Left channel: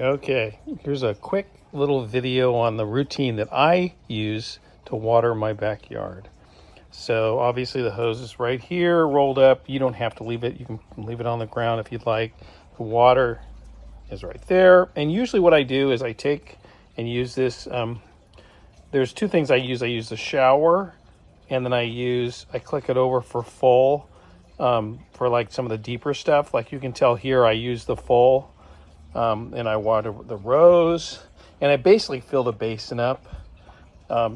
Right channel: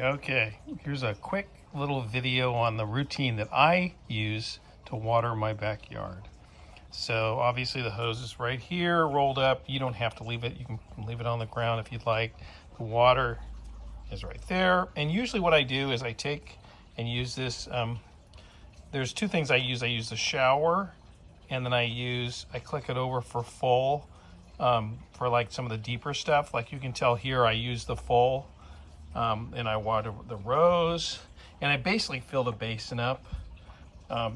Okay, here's a quick little video on the routine that I use to water my backyard. So obviously the hose is right here rolled up. You don't have to leave it. You can leave it on the ground if you'd like. The water is right there. And usually what I do is I take and use this. There's two things I use. I use the shower, and then I click it over for full, for like some of the deeper stuff. Like you can tell here I use the full. And I water the rows, and I basically fill the basin up.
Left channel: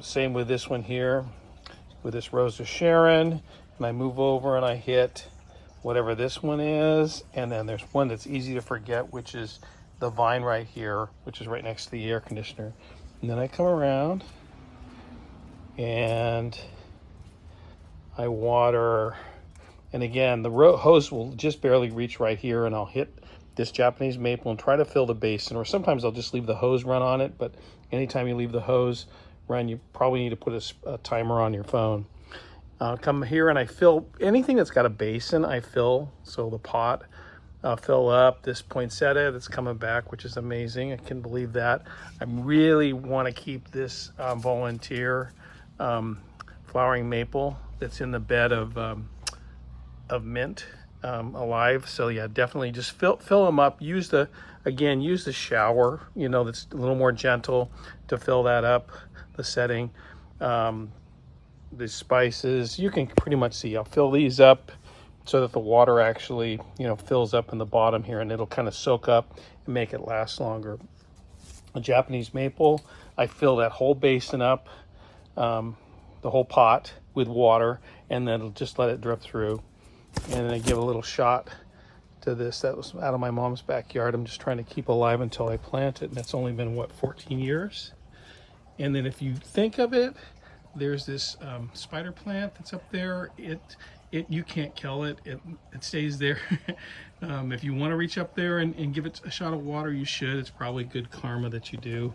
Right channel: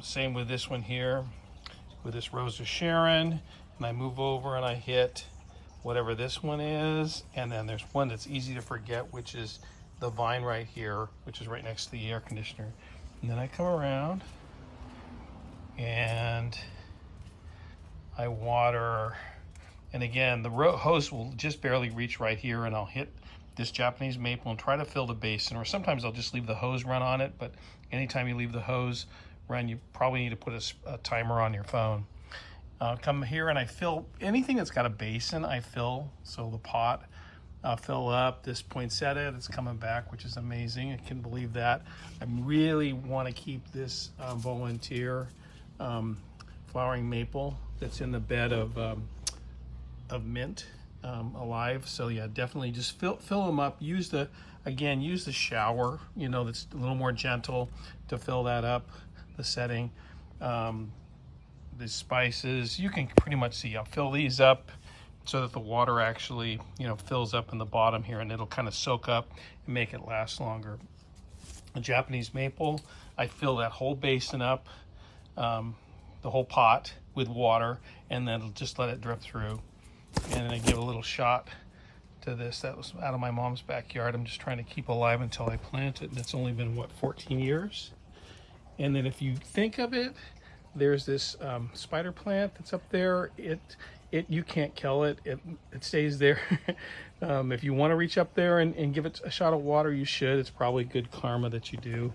Same with this one here, with this Rose of Sharon, and I move over and I hit whatever this one is, and then there's one that's easy to forget, which is the vine right here, which is right next to the air conditioner. And then I come around and I water, and again the hose will just barely reach right here, and I'll hit this Japanese maple and try to fill the basin, or sometimes I'll just leave the hose run on it. But anytime you leave the hose run, you probably need to put a timer on your phone. Come here and I fill anything that's got a basin. I fill, so the pot fill up. This poinsettia that's coming back, which is amazing. I can't believe that. I really want to keep this volunteer flowering maple that's in the bed of mint alive. So yeah, definitely just fill them up. Use the shower, that's a little more gentle to fill that up, the setting. The spices, you can pretty much see, I'll fill these up so that the water actually fills up in the bottom here, and it'll kind of soak up and make it last longer. A Japanese maple, I fill that whole basin up, the whole pot with water, and then just let it drip through. And then I give a little shot to this that was out of my mom's backyard. I'm just trying to keep alive until I plant it, and that's only been 14 years. And then if you think of it, there's this spider plant that's up there. You can't kill it. It stays there. If you want to reach up there and give it a shot of water, you should. It's probably good karma that you do.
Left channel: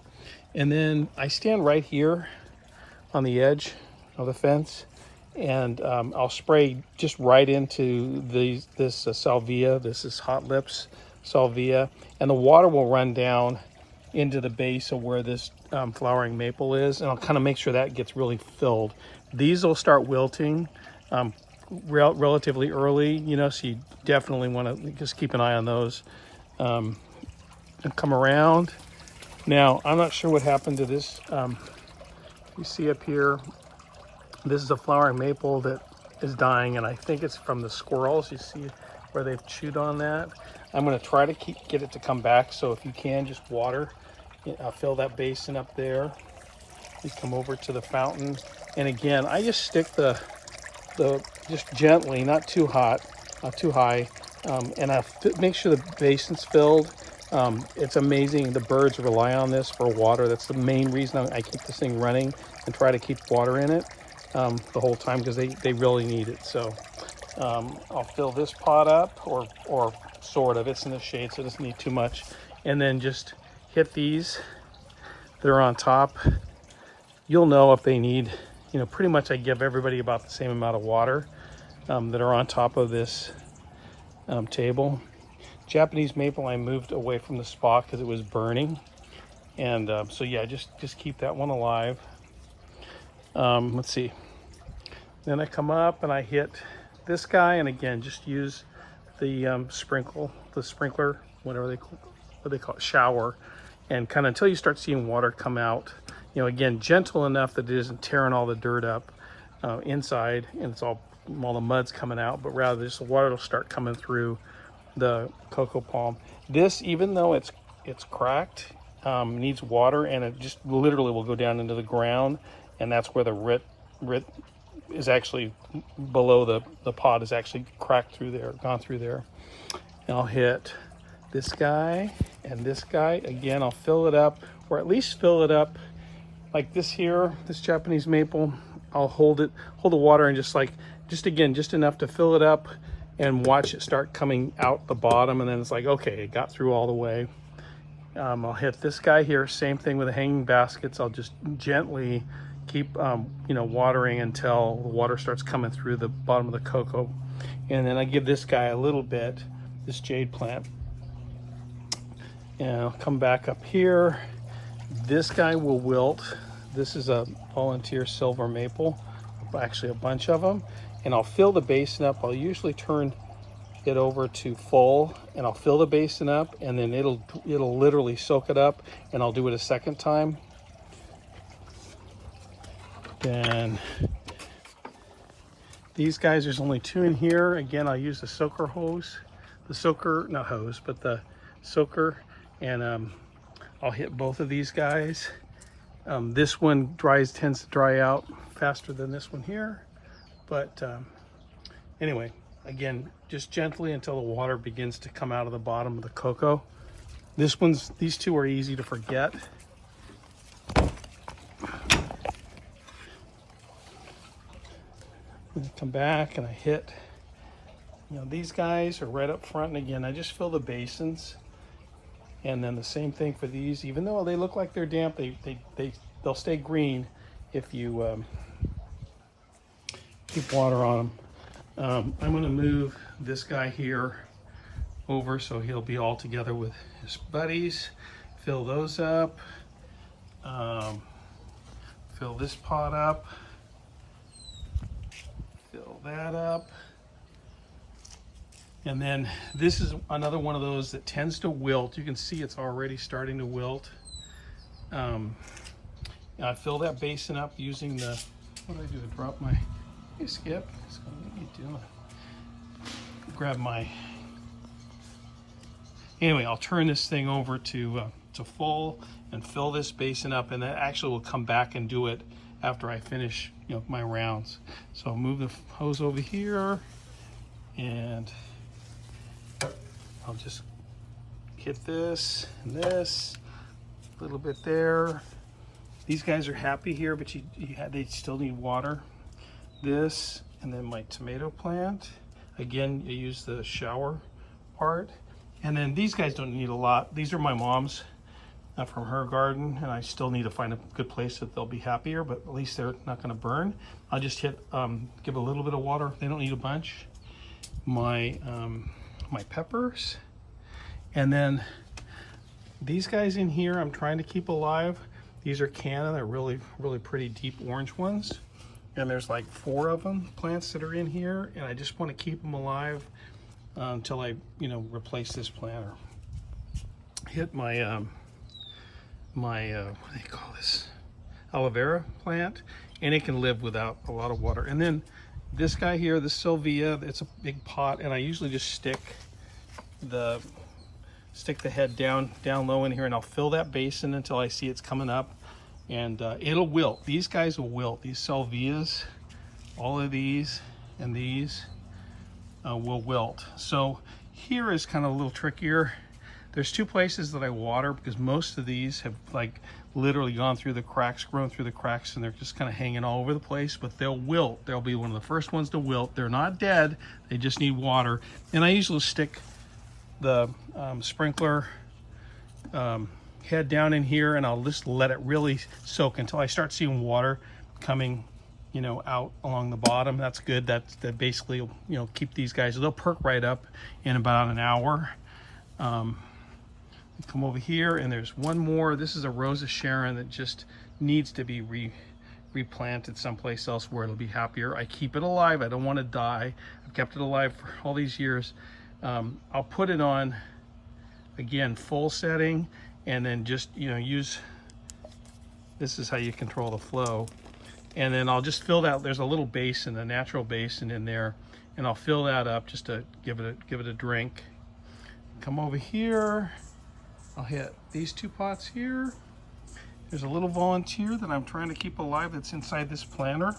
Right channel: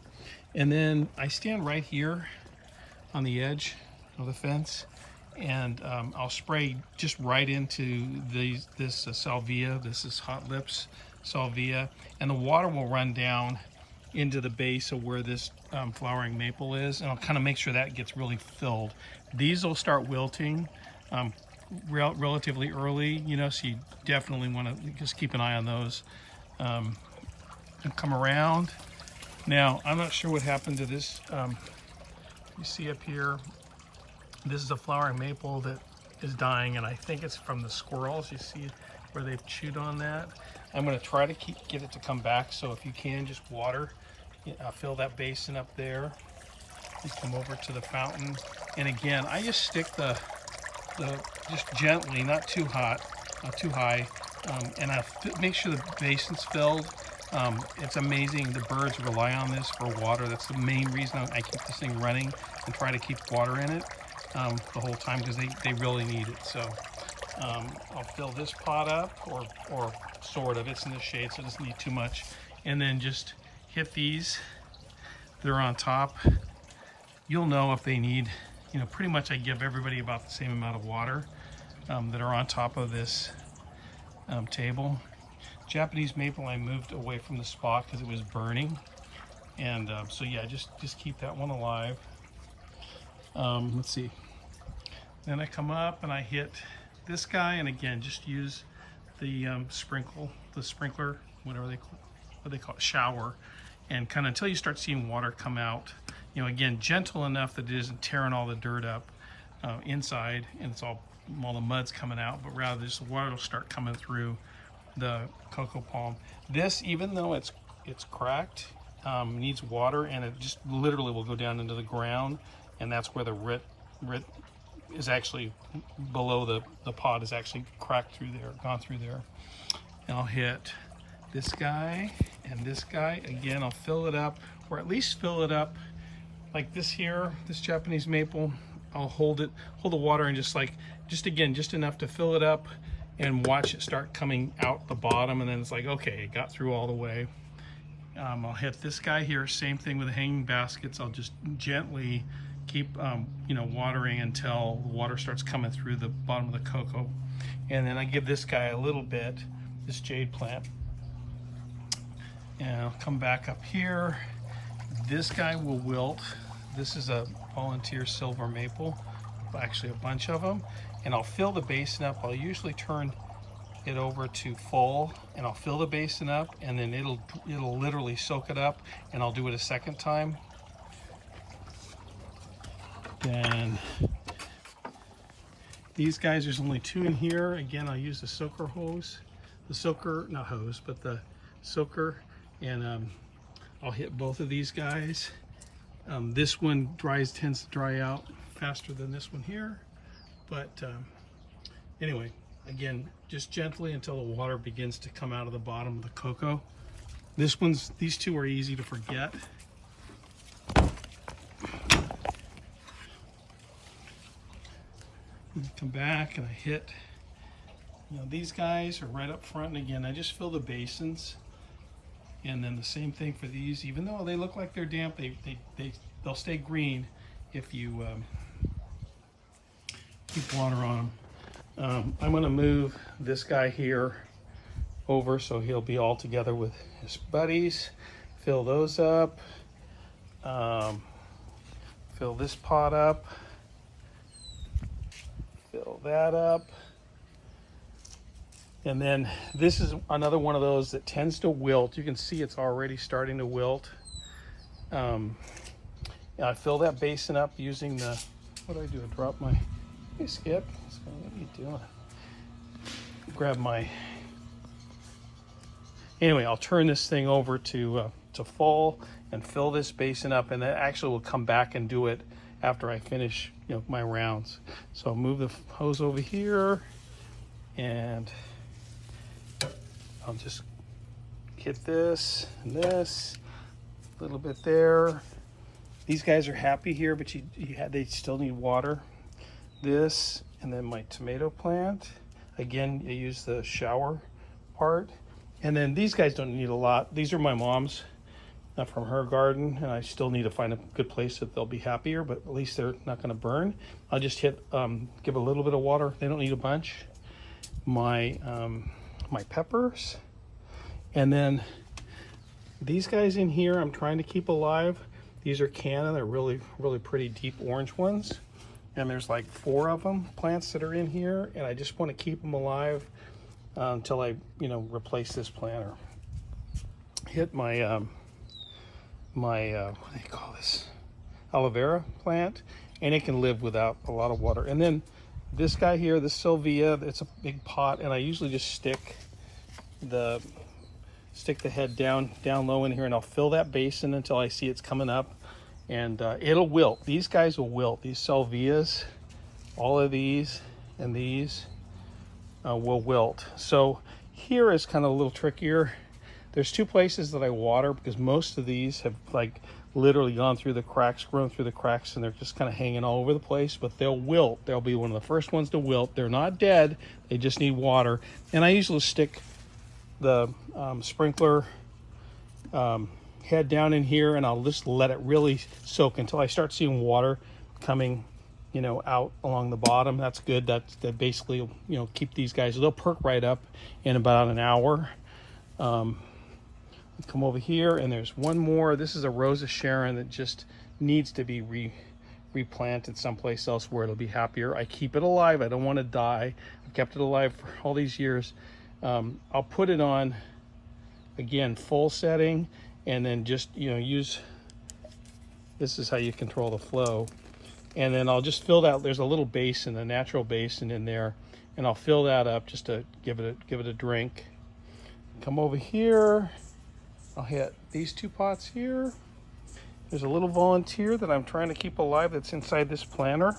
And then I stand right here on the edge of the fence, and I'll spray just right into this salvia. This is Hot Lips salvia, and the water will run down into the base of where this flowering maple is, and I'll kind of make sure that gets really filled. These will start wilting relatively early, so you definitely want to just keep an eye on those. And come around. Now, I'm not sure what happened to this. You see up here, this is a flowering maple that is dying, and I think it's from the squirrels. You see where they've chewed on that. I'm going to try to get it to come back, so if you can, just water. Fill that basin up there. Just come over to the fountain, and again, I just stick the just gently, not too hot, not too high, and I make sure the basin's filled. It's amazing. The birds rely on this for water. That's the main reason I keep this thing running and try to keep water in it the whole time, because they really need it. So I'll fill this pot up, or sort of. It's in the shade, so it doesn't need too much. And then just hit these that are on top. You'll know if they need, pretty much I give everybody about the same amount of water that are on top of this table. Japanese maple, I moved away from the spot because it was burning. And so yeah, just keep that one alive. Let's see. Then I come up and I hit this guy, and again, just use the sprinkler, whatever they call it, shower, and kind of until you start seeing water come out. Again, gentle enough that it isn't tearing all the dirt up inside, and it's all the mud's coming out, but rather just the water will start coming through the cocoa palm. This, even though it's cracked, needs water, and it just literally will go down into the ground, and that's where the root is actually below the pot is actually cracked through there, gone through there. And I'll hit this guy and this guy again. I'll fill it up, or at least fill it up like this here, this Japanese maple. I'll hold the water and just enough to fill it up, and watch it start coming out the bottom, and then it's like, okay, it got through all the way. I'll hit this guy here, same thing with the hanging baskets. I'll just gently keep watering until the water starts coming through the bottom of the cocoa. And then I give this guy a little bit, this jade plant, And I'll come back up here. This guy will wilt. This is a volunteer silver maple, actually a bunch of them. And I'll fill the basin up. I'll usually turn it over to full, and I'll fill the basin up, and then it'll literally soak it up, and I'll do it a second time. Then these guys, there's only 2 in here. Again, I'll use the soaker hose, not hose, but the soaker, and I'll hit both of these guys. This one tends to dry out faster than this one here, but anyway, again, just gently until the water begins to come out of the bottom of the cocoa. These 2 are easy to forget. Come back and I hit, these guys are right up front, and again, I just fill the basins. And then the same thing for these. Even though they look like they're damp, they'll stay green if you keep water on them. I'm gonna move this guy here over so he'll be all together with his buddies. Fill those up. Fill this pot up. Fill that up. And then this is another one of those that tends to wilt. You can see it's already starting to wilt. And I fill that basin up using the, what do I do? I drop my, hey Skip, so what are you doing? Grab my, anyway, I'll turn this thing over to full and fill this basin up, and then actually will come back and do it after I finish my rounds. So I'll move the hose over here, and I'll just hit this and this, a little bit there. These guys are happy here, but they still need water. This, and then my tomato plant. Again, you use the shower part. And then these guys don't need a lot. These are my mom's, from her garden, and I still need to find a good place that they'll be happier, but at least they're not gonna burn. I'll just give a little bit of water. They don't need a bunch. My peppers, and then these guys in here I'm trying to keep alive. These are canna. They're really pretty deep orange ones, and there's like 4 of them plants that are in here, and I just want to keep them alive until I replace this planter. Hit my what do you call this, aloe vera plant, and it can live without a lot of water. And then this guy here, the Sylvia, it's a big pot, and I usually just stick the head down low in here, and I'll fill that basin until I see it's coming up, and it'll wilt. These guys will wilt. These Sylvias, all of these and these will wilt. So here is kind of a little trickier. There's 2 places that I water, because most of these have literally gone through the cracks, grown through the cracks, and they're just kind of hanging all over the place, but they'll wilt. They'll be one of the first ones to wilt. They're not dead, they just need water. And I usually stick the sprinkler head down in here, and I'll just let it really soak until I start seeing water coming out along the bottom. That's good. That basically keep these guys, they'll perk right up in about an hour. Come over here, and there's one more. This is a Rosa Sharon that just needs to be replanted someplace else where it'll be happier. I keep it alive. I don't want to die. I've kept it alive for all these years. I'll put it on, again, full setting, and then just use, this is how you control the flow. And then I'll just fill that. There's a little basin, a natural basin in there, and I'll fill that up just to give it a drink. Come over here. I'll hit these 2 pots here. There's a little volunteer that I'm trying to keep alive that's inside this planter.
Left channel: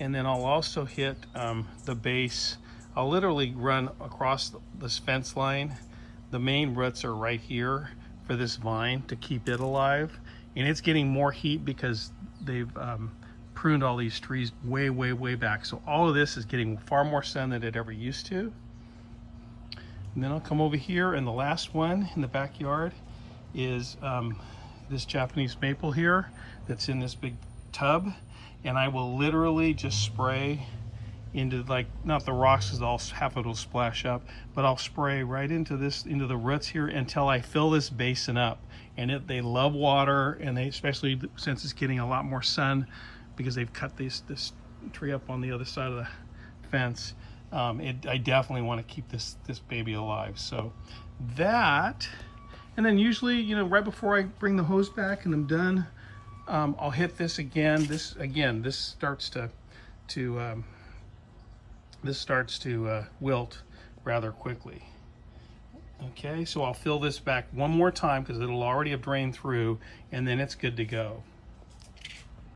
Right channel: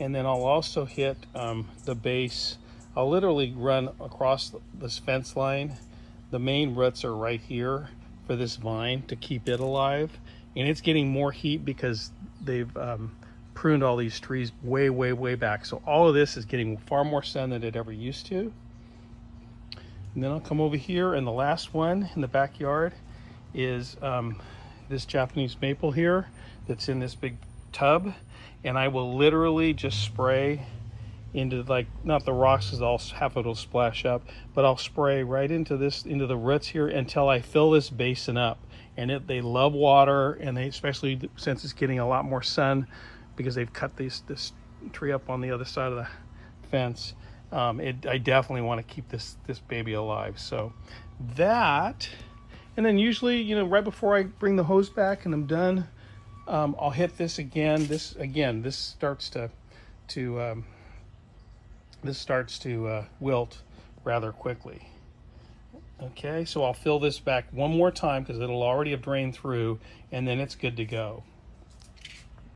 And then I'll also hit the base. I'll literally run across this fence line. The main roots are right here for this vine to keep it alive. And it's getting more heat because they've pruned all these trees way back. So all of this is getting far more sun than it ever used to. And then I'll come over here, and the last one in the backyard is this Japanese maple here that's in this big tub, and I will literally just spray into, like, not the rocks because half of it'll splash up, but I'll spray right into the roots here until I fill this basin up. And they love water, and they, especially since it's getting a lot more sun because they've cut this tree up on the other side of the fence. I definitely want to keep this baby alive. So that, and then usually, you know, right before I bring the hose back and I'm done, I'll hit this again. This starts to wilt rather quickly. Okay, so I'll fill this back one more time because it'll already have drained through, and then it's good to go.